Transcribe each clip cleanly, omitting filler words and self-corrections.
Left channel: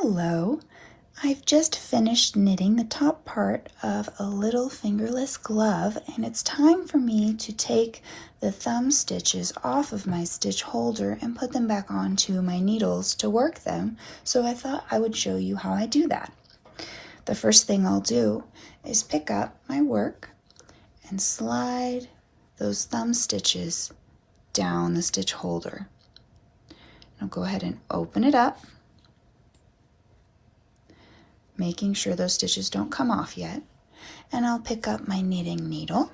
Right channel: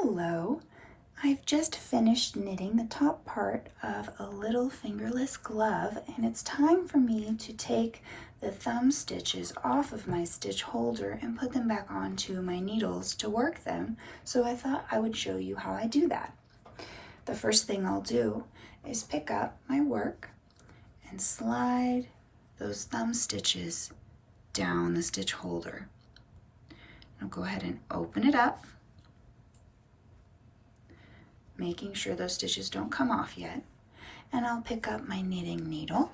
Hello! I've just finished knitting the top part of a little fingerless glove, and it's time for me to take the thumb stitches off of my stitch holder and put them back onto my needles to work them. So I thought I would show you how I do that. The first thing I'll do is pick up my work and slide those thumb stitches down the stitch holder. I'll go ahead and open it up, making sure those stitches don't come off yet. And I'll pick up my knitting needle.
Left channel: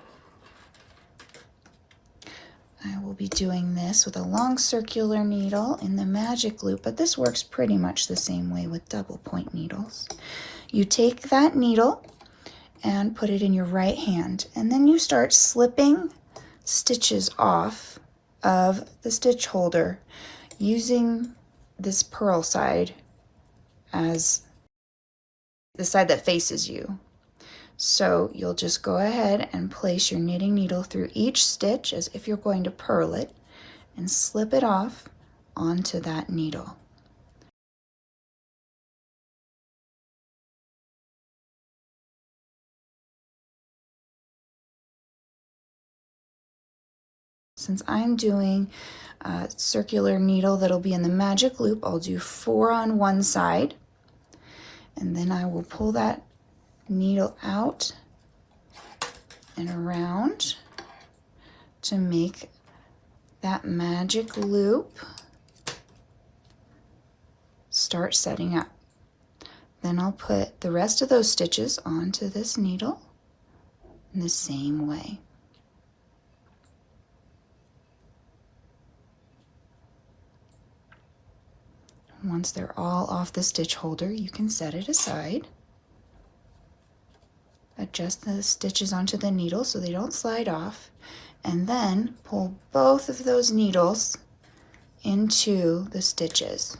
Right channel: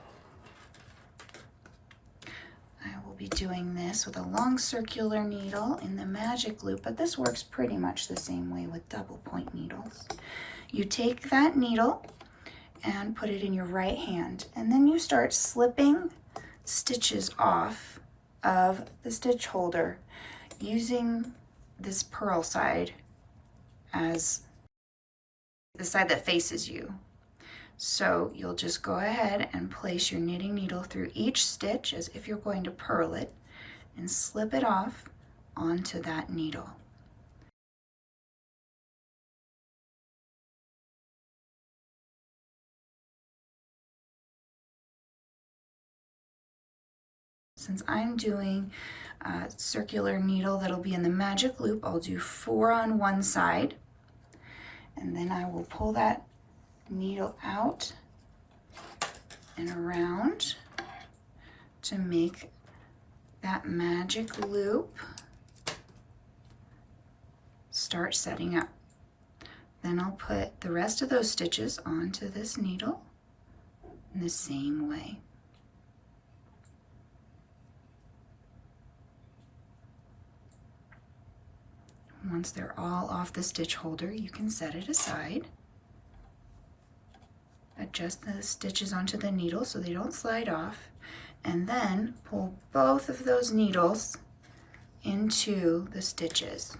I will be doing this with a long circular needle in the magic loop, but this works pretty much the same way with double point needles. You take that needle and put it in your right hand, and then you start slipping stitches off of the stitch holder using this purl side as the side that faces you. So you'll just go ahead and place your knitting needle through each stitch as if you're going to purl it and slip it off onto that needle. Since I'm doing a circular needle that'll be in the magic loop, I'll do 4 on one side, and then I will pull that needle out and around to make that magic loop start setting up. Then I'll put the rest of those stitches onto this needle in the same way. Once they're all off the stitch holder, you can set it aside. Adjust the stitches onto the needle so they don't slide off, and then pull both of those needles into the stitches.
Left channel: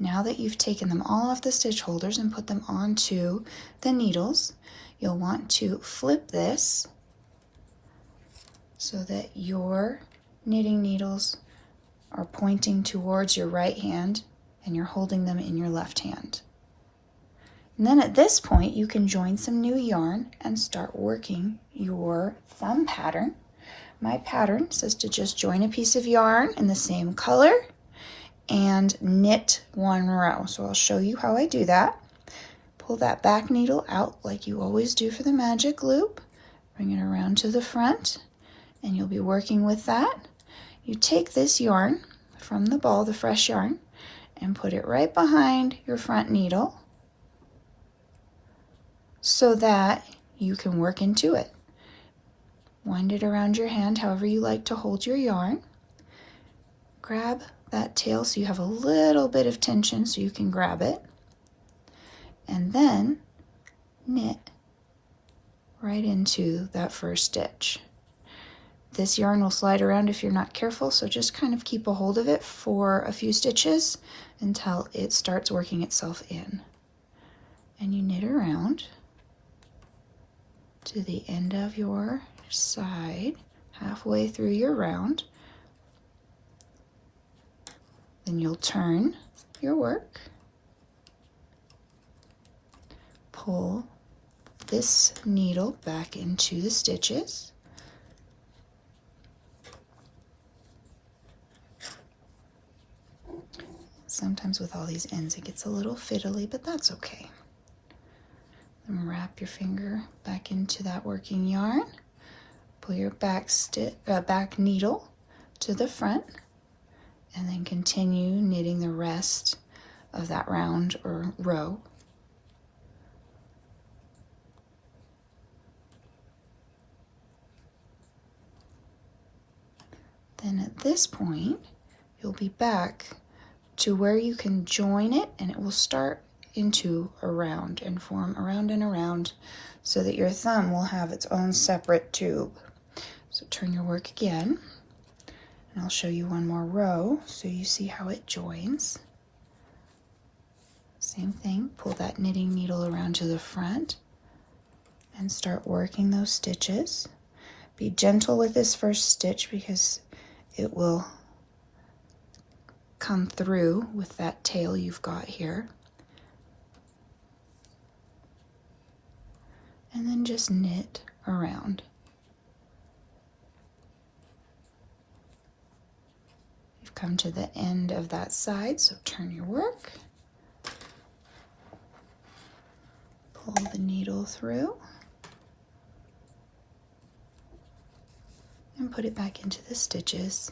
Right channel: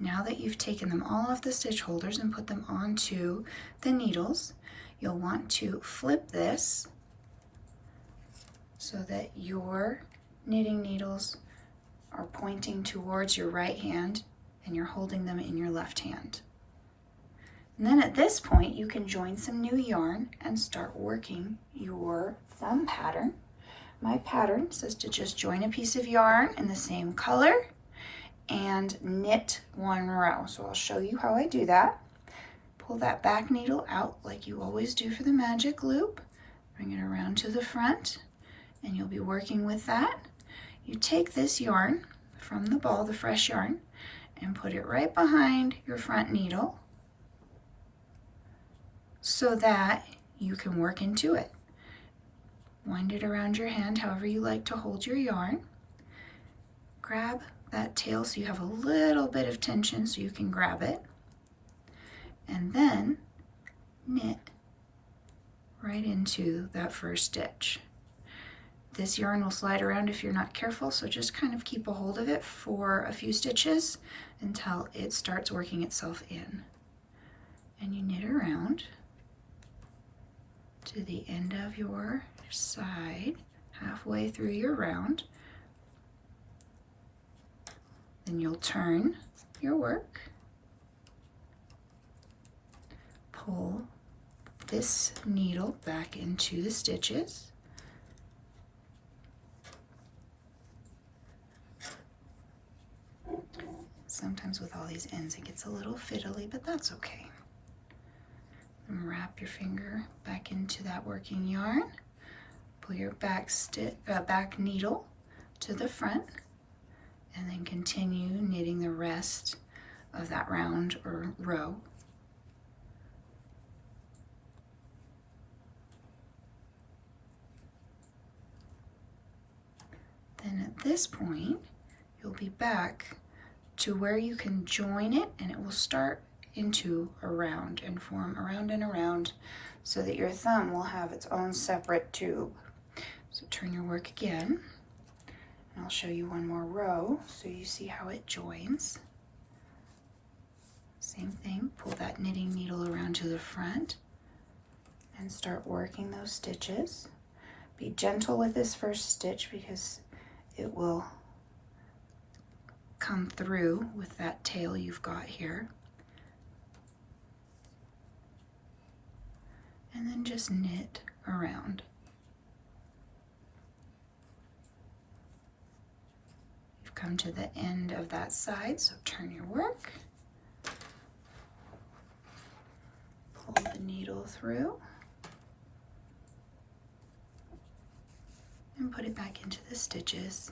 Now that you've taken them all off the stitch holders and put them onto the needles, you'll want to flip this so that your knitting needles are pointing towards your right hand and you're holding them in your left hand. And then at this point, you can join some new yarn and start working your thumb pattern. My pattern says to just join a piece of yarn in the same color and knit 1 row. So I'll show you how I do that. Pull that back needle out like you always do for the magic loop. Bring it around to the front, and you'll be working with that. You take this yarn from the ball, the fresh yarn, and put it right behind your front needle so that you can work into it. Wind it around your hand however you like to hold your yarn. Grab that tail so you have a little bit of tension so you can grab it, and then knit right into that first stitch. This yarn will slide around if you're not careful, so just kind of keep a hold of it for a few stitches until it starts working itself in. And you knit around to the end of your side, halfway through your round. Then you'll turn your work, pull this needle back into the stitches, sometimes with all these ends it gets a little fiddly, but that's okay. And wrap your finger back into that working yarn, pull your back needle to the front, and then continue knitting the rest of that round or row. Then at this point, you'll be back to where you can join it, and it will start into a round and form around and around so that your thumb will have its own separate tube. So turn your work again, and I'll show you one more row so you see how it joins. Same thing, pull that knitting needle around to the front and start working those stitches. Be gentle with this first stitch because it will come through with that tail you've got here. And then just knit around. You've come to the end of that side, so turn your work. Pull the needle through. And put it back into the stitches.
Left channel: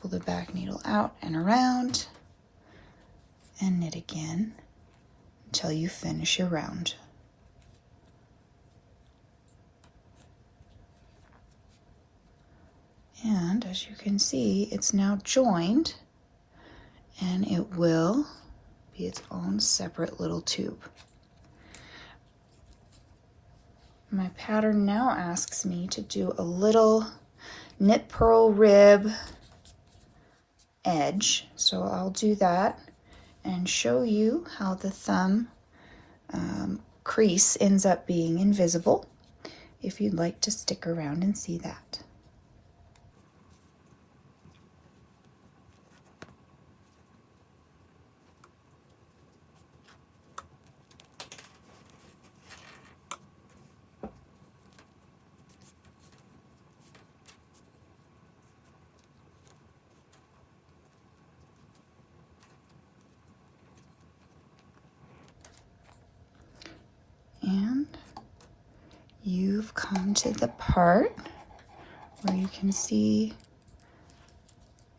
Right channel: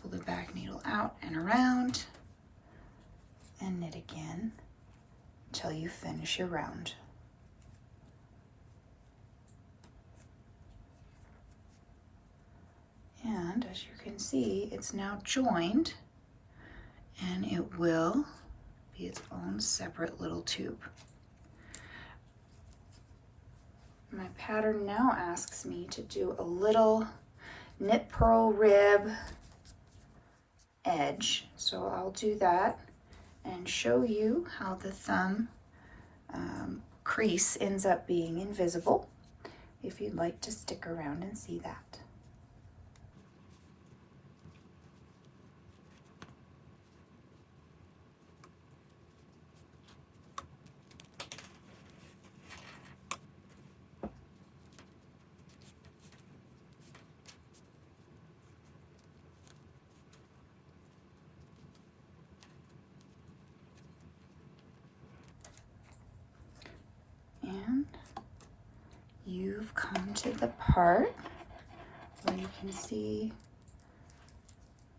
Pull the back needle out and around. And knit again until you finish your round. And as you can see, it's now joined, and it will be its own separate little tube. My pattern now asks me to do a little knit purl rib edge, so I'll do that and show you how the thumb crease ends up being invisible, if you'd like to stick around and see that. And you've come to the part where you can see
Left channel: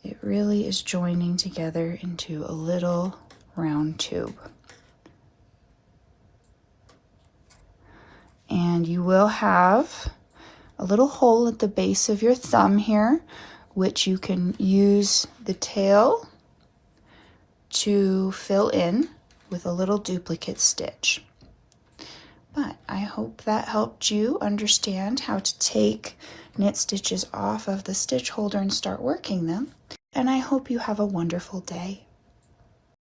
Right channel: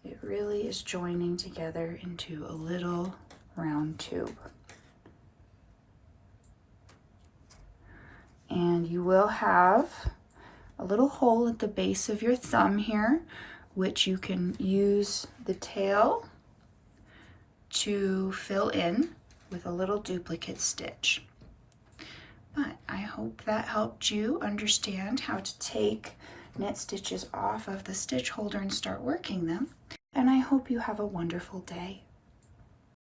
it really is joining together into a little round tube. And you will have a little hole at the base of your thumb here, which you can use the tail to fill in with a little duplicate stitch. But I hope that helped you understand how to take knit stitches off of the stitch holder and start working them. And I hope you have a wonderful day.